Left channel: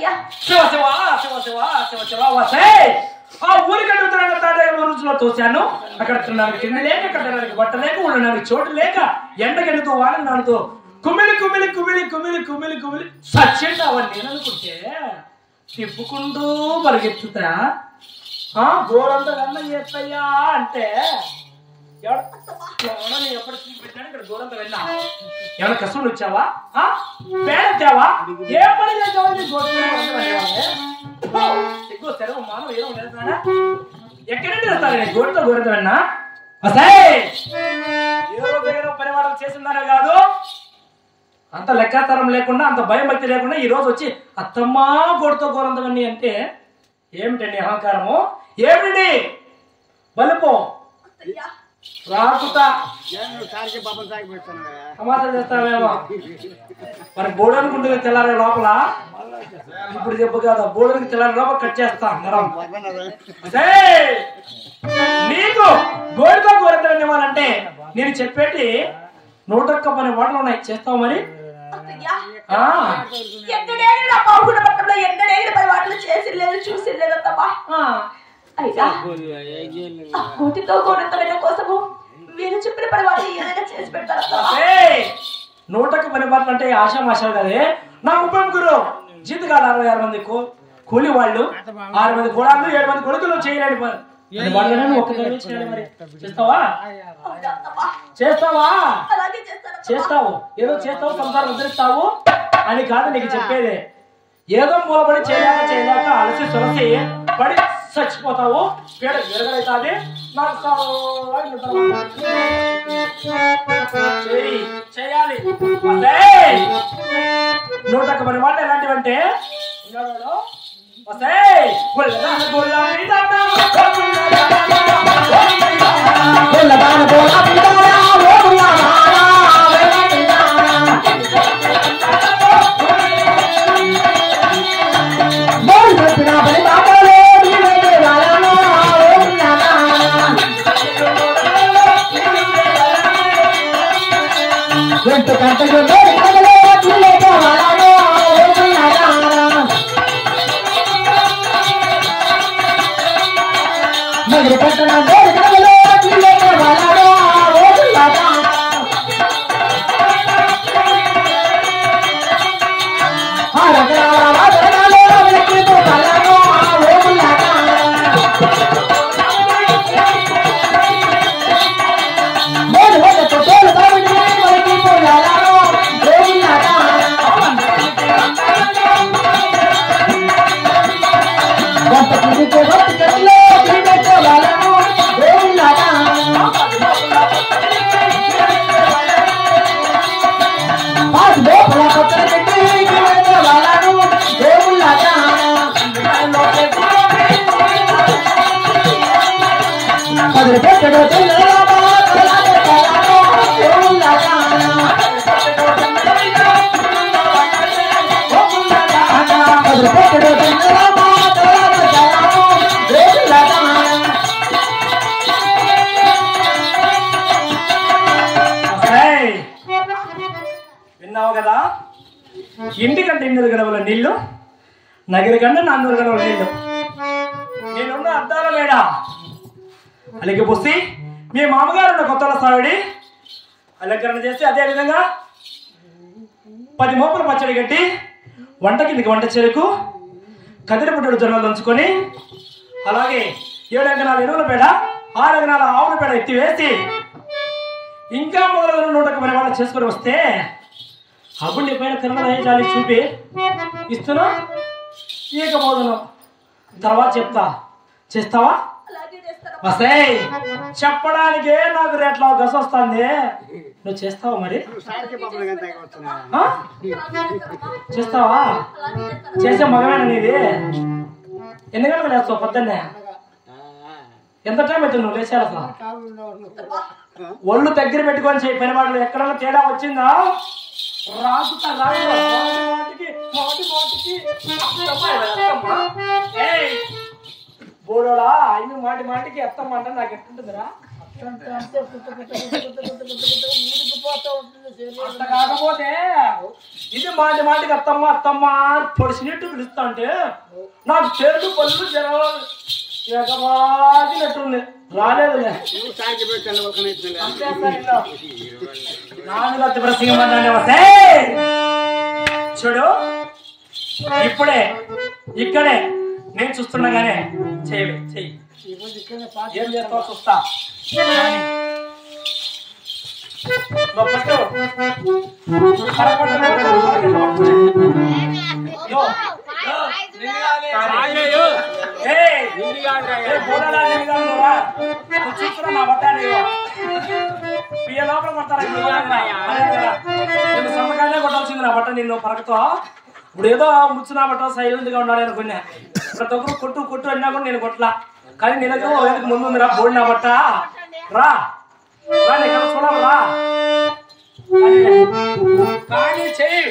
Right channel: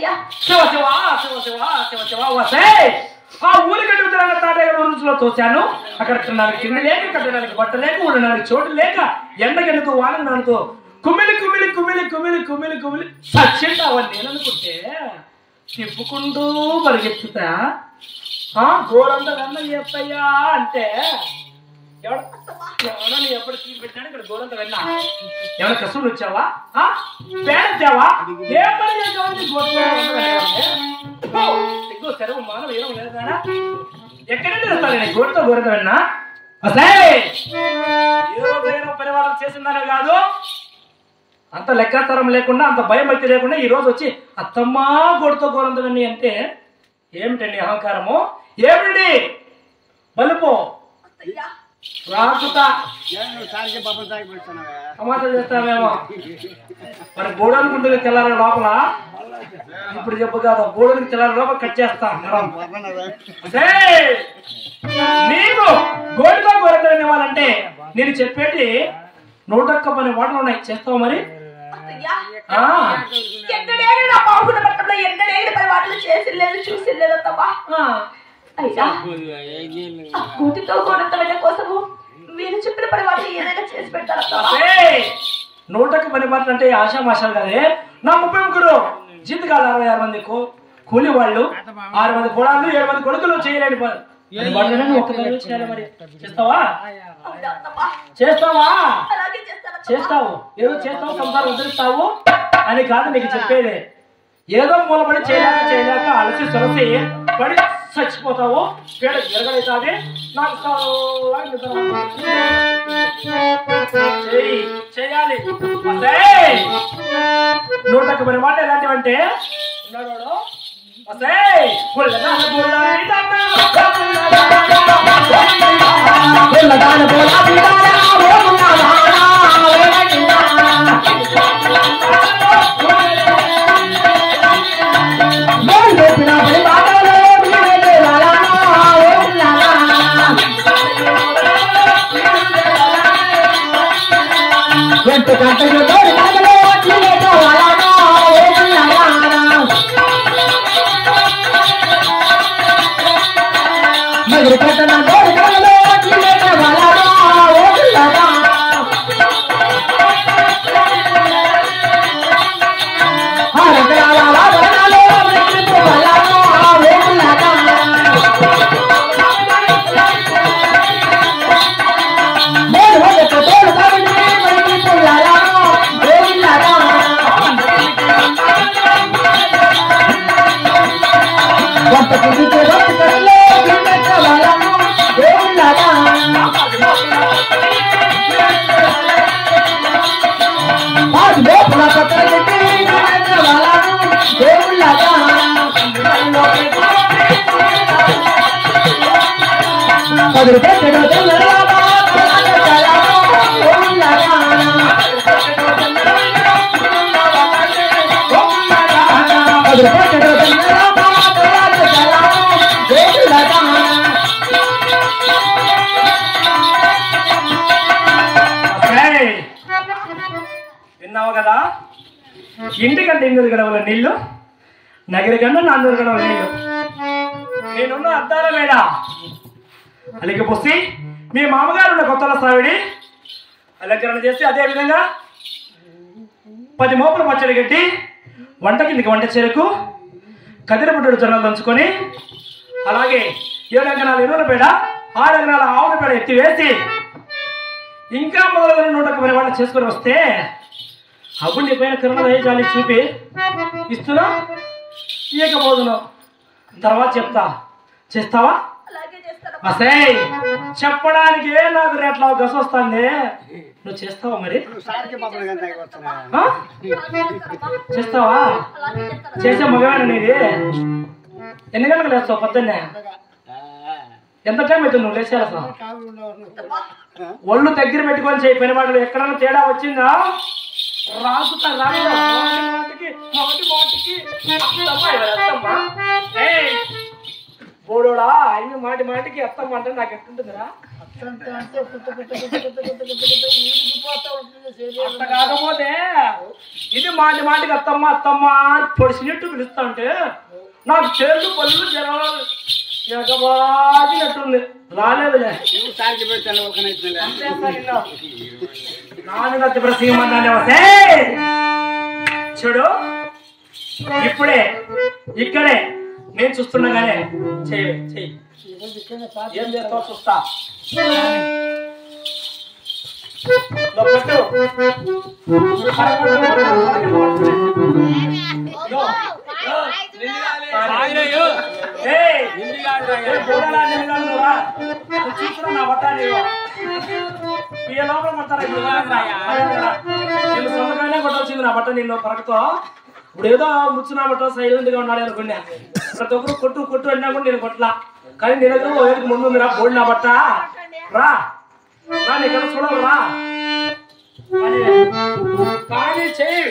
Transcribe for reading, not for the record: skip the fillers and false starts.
శివ శివ శివ శివ శివ శివ వసే ఆ ఊరికి అడుగుతున్నా తాతయ్య రోజులో తోశాను. అక్కడ తిండి లేక కట్టడానికి బట్ట లేక ఉండడానికి చోటు లేక ఎండగెడుతూ వాన నాడుతూ కుమిలి కుమిలి కుమిలి కుమిలి కుమిలి కుమిలి సచ్చింది అవన్నీ నేననుకుంటే తిప్పుకుంటూ పరిగెత్తుతా గోరంతా అన్న చేస్తాయా అంటే ఎవడన్నా నీ ఎప్పుడు చూపెట్టాను ఇక్కడ గోరంతా వెళ్ళా ఎవరైనా కష్టం వచ్చావా పేడతావా ఏ పని చేద్దామని సిగ్గు తెరవు మానవ ఏదో లేదా ఎక్కడంటే వెళ్తాను గోరుతో గోరంతా వెళ్ళా అసే ఏ రోజు పరివారం చేసిందనే కాదు అంత లెక్కాతరం లేకుండా అంత భయం భక్తి లేకుండా ఈ రోజు వచ్చి అత్తమ్మా గోడుతో గోరంతవన్నీ అంటే ఏమిటండి అహంకారము ఏమిటి బలుపు రాకుతా సమాధానం చేస్తావేమో మరి బోడనుకుంటుంది తెల్లారే లోపల ఇప్పుడు చెప్పు కాదు బోడనికి తెల్లారే లోపల కట్ చేస్తా మరం నీకు గోడుతో గోరంతవన్నీ ఇవ్వాలంటే నేను చెప్పేటి 101 పని మాటలు ఉన్నాయి చేస్తావు మరి కోసము మీరు చెప్పిన పరివారం ఏదైనా చేసి పెడతారా? 101 పని మాటలు అంటే ఆశామాషాలు కదే. నా 33 జీతగాలు 66 మంది కూలి వాళ్ళు 6 మంది కోడాళ్ళు 7 మంది కొడుకులు చేయలేని వాళ్ళని ఒక్క చేయాలి మరి చేస్తావా చేస్తావా చేస్తావు ఏదో చేస్తావు సంసారం వదిలిస్తావు అని కాదు నీకు చెప్పేది. ఏదో మూలపడి చేయలేక అలసి సొలసి పడి చచ్చిపోతావు పేడ విరగలైతాది నాకు చేయాలి. 101 పని మాట ఎలాంటివంటే ఉన్నాడు విన్నావు కదా. ఇంటికంటే 800 గడవల నీళ్లు నగరి కంటే 400 గడవల నీళ్లు నేనున్న అద్దాల మేడ అలాగే పోసి మీ మామగారు ఉన్న కొత్తల సావిడి అలంకరణ చేసి అదే విధంగా 10 మోపులు పచ్చడి కట్టి వంట కిందకి వంట చెరుకు కదిరిపుట్టుడు జొన్నలు దంచుకొని అలాగే 7 అంకణాల ఎరువుల పేడ 6 అంకణాల ఆవుల పేడ ఎత్తి వేసి ఇంకా మొదలైన 101 వాళ్ళు చేసుకొని వస్తే అబ్బుండి పైన తిరుమల జాలి చూపి ఇస్తున్నా ఇయకపోదును తర్వాత చెప్తా చేస్తావా అసే చెప్పడానికే నాకు రేట్లా గస వస్తుంది. నువ్వు చేస్తావా మరి చేస్తావా చేసే మగవేనా నీది ఎన్ని గంటలకు లేస్తావు పొద్దున్నే ఎంత టైం అవుతుంది నువ్వు లేచే ఒళ్ళు దగ్గర పెట్టుకొని చేయి పని మాటలు ఎక్కడైనా తేడా వచ్చిందా రాకుతా మాటికి బోడోడా అవి మాటి మాటికి అత్తమ్మ అంటే నాకు ఎట్టుంటుందిరా అంత కాకపోతే ఇది మాటి మాటికి అత్తమ్మ అత్తమ్మ పొడిచినట్టు పిలుస్తా ఉంటే నాకు చేతులు పళ్ళు జరగబాగినట్టుంది రాలేదు చూడు ఇప్పుడే ఇక్కడే నేను చూస్తుండగానే చెయ్యి చెయ్యి ఏం చేస్తావో చూస్తా చూస్తున్నా నా బట్ట పియ్య లోపల కొడతారా నేను సొమ్మకాయనే కొట్టాల్సింది నా బట్ట నీళ్ళు పరకతో ఇప్పుడు ఏదో ముచ్చు నా బట్ట సైలెంట్ గా ఉన్నాడు అనుకున్నా ప్రతి ఒక్కరు కొట్టు కొట్టు అన్నా కూడా నేను కొట్టలా కానీ నీ దగ్గర ముందు మీరు బోడి నా బట్ట రా రా నీ కదా చూడాలి రా కానీ చెయ్యి